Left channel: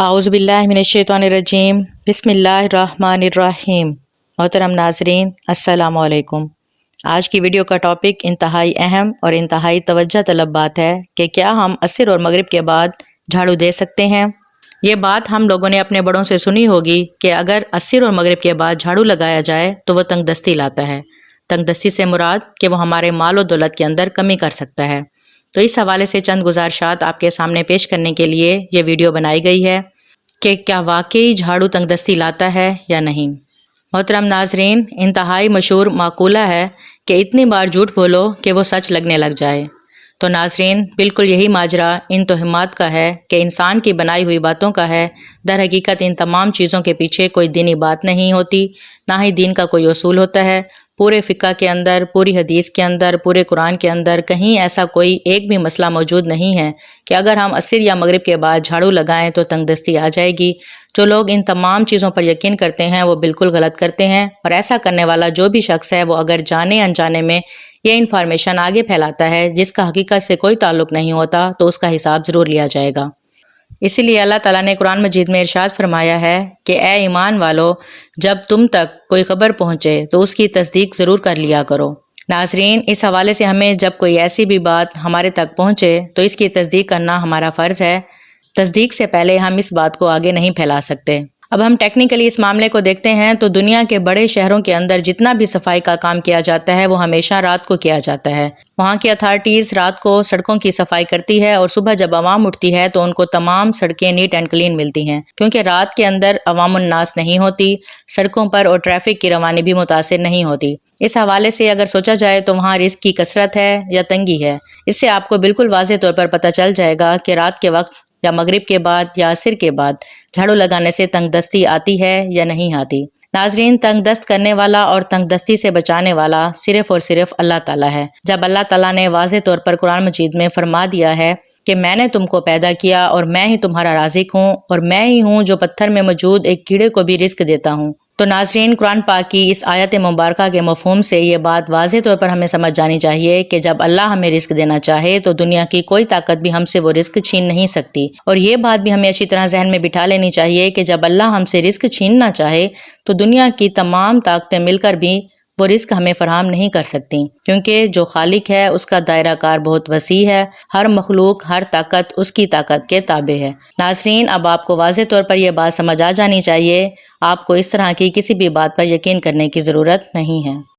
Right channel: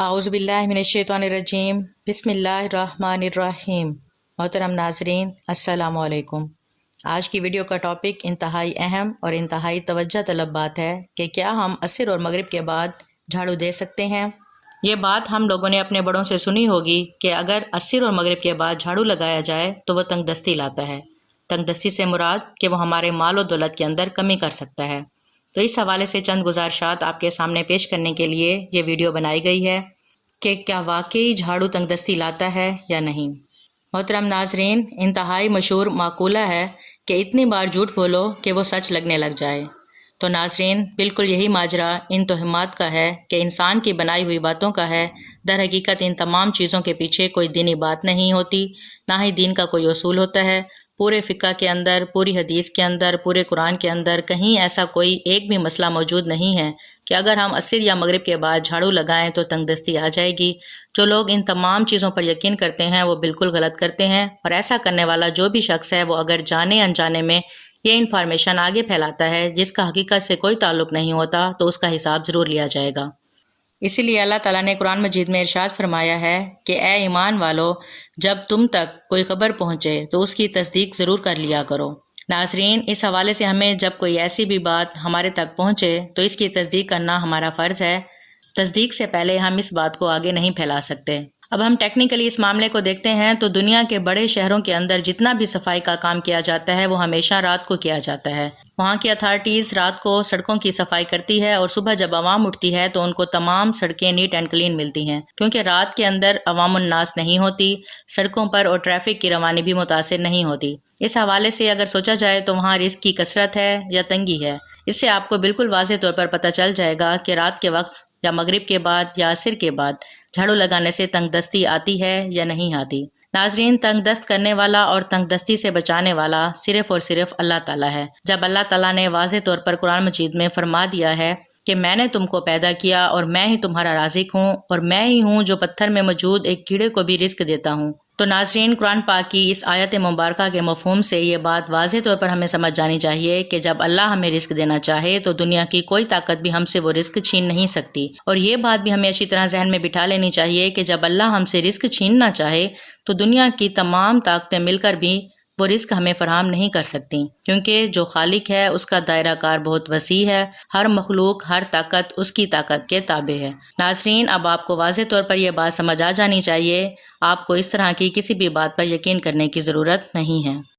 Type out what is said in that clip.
आउज़ुबिल्लाहि मिनश्शैतानिर्रजीम बिस्मिल्लाहिर्रहमानिर्रहीम। मोहतरम नाज़रीन, अस्सलामु अलैकुम। आज की वीडियो का टॉपिक इंतहाई अहम और इंतहाई तवज्जो तलब बात है कि क्या हम असर और मगरिब के बाद झाड़ू दे सकते हैं। ये बात हम लोगों ने अपने बड़ों से सुनी होगी कि अगर असर और मगरिब के बाद झाड़ू लगाया जाए तो वह तंगदस्ती लाता है। तंगदस्ती से मुराद कि वो हमारे माल और दौलत के अंदर कमी कर सकता है। तो इस हवाले से चंद गुजारिशात आपके सामने पेश करने के लिए ये वीडियो बनाई गई है कि क्या वाकई झाड़ू तंगदस्ती लाता है या नहीं। मोहतरम नाजरीन, इंतहाई मशहूर माकूला है कि इतनी बार झूठ बोलो कि वो सच लगने लग जाए। तो नाजरीन, बिल्कुल यही माजरा इन तोहमात का है कि इंसान की बनाई हुई बातों का है। दर हकीकत इन तमाम चीज़ों के पीछे कोई दीनी बात नहीं होती, ना ही दीन का कोई उसूल होता है। पूरे फ़िक़्ह के अंदर, पूरी हदीस के अंदर, पूरे कुरान के अंदर कहीं ऐसा कोई एक भी मसला मौजूद नहीं है कि अगर हम असर या मगरिब के बाद झाड़ू लगाएं तो तंगदस्ती आ जाएगी। जो लोग इन तमाम चीज़ों पर यकीन करते हैं वो बिल्कुल गलत करते हैं, और ऐसा करने वाला जो भी शख्स है वो अगर जाने अनजाने में ये इन्फॉर्मेशन आगे फैलाता है जिसका हकीकत से कोई ताल्लुक नहीं होता तो उसका हिसाब ज़रूर लिया जाएगा। इसीलिए अल्लाह ताला ने कुरान मजीद में इरशाद फरमाया है कि ए ईमान वालो, जब तुम तक कोई खबर पहुँचे तो उसकी तस्दीक ज़रूर कर लिया करो। नाजरीन, इस हवाले से हमें जब कोई ऐसी भी बात हमारे तक पहुँचे तो इसकी तस्दीक करना हमारा फ़र्ज़ है। तस्दीक से पहले हम इस बात को आगे नहीं फैला सकते। अब हम टेक्निकली इस मामले को देखते हैं तो दुनिया के बड़े शहरों के अंदर जितना भी सफाई का काम किया जाता है वो हमेशा रात को किया जाता है। वहाँ की अथॉरिटीज़ रात को सड़कों की सफाई करती है और सुबह जब आवाम उठती है तो उनको तमाम सड़कें नीट एंड क्लीन मिलती हैं, क्योंकि रात के अंदर अवामुन नास नहीं होती, सड़कों पर और ट्रैफिक की रवानी भी मुतासिर नहीं होती। इस हवाले से अगर सोचा जाए तो वहाँ रिस्क की कसरत है या तंगी है। इससे आपको बिल्कुल वाज़ेह तौर पर पता चल जाएगा कि रात के वक्त या मगरिब के बाद या असर के बाद झाड़ू लगाने से तंगदस्ती आती है या नहीं आती। नाजरीन, तंगदस्त करने वाला और तंगदस्ती से बचाने वाला सिर्फ और सिर्फ अल्लाह ताला है। जब अल्लाह ताला ने वाज़ेह तौर पर कुरान मजीद में फरमा दिया है कि मैंने तुमको पैदा किया और मैं ही तुम्हारा राज़िक हूँ, और मैं ही हूँ जो पत्थर में मौजूद एक कीड़े को भी रिस्क देता हूँ। तो नाजरीन, कुरान पाक की इस आयत मुबारका के मफ़हूम से ये बात वाज़ेह तौर पर हमें समझ जानी चाहिए कि जब अल्लाह हमें रिस्क देना चाहे तो दुनिया की कोई ताकत भी हमसे वो रिस्क छीन नहीं सकती। और ये बात भी हमें अच्छी तरह जहन में बिठा लेनी चाहिए कि जब अल्लाह हमसे रिस्क छीनना चाहे तो दुनिया की तमाम ताकतें मिलकर भी वो रिस्क हमें फराहम नहीं कर सकती, क्योंकि जो खालिक है उसका दायरा कार बहुत वसी है। हर मखलूक, हर ताकत उसकी ताकत के ताबे है। नाजरीन, अब आपको वाज़ेह तौर पर यह बात समझ आ जानी चाहिए, आपको इस तरह की किसी भी बात पर यकीन करने की ज़रूरत नहीं है।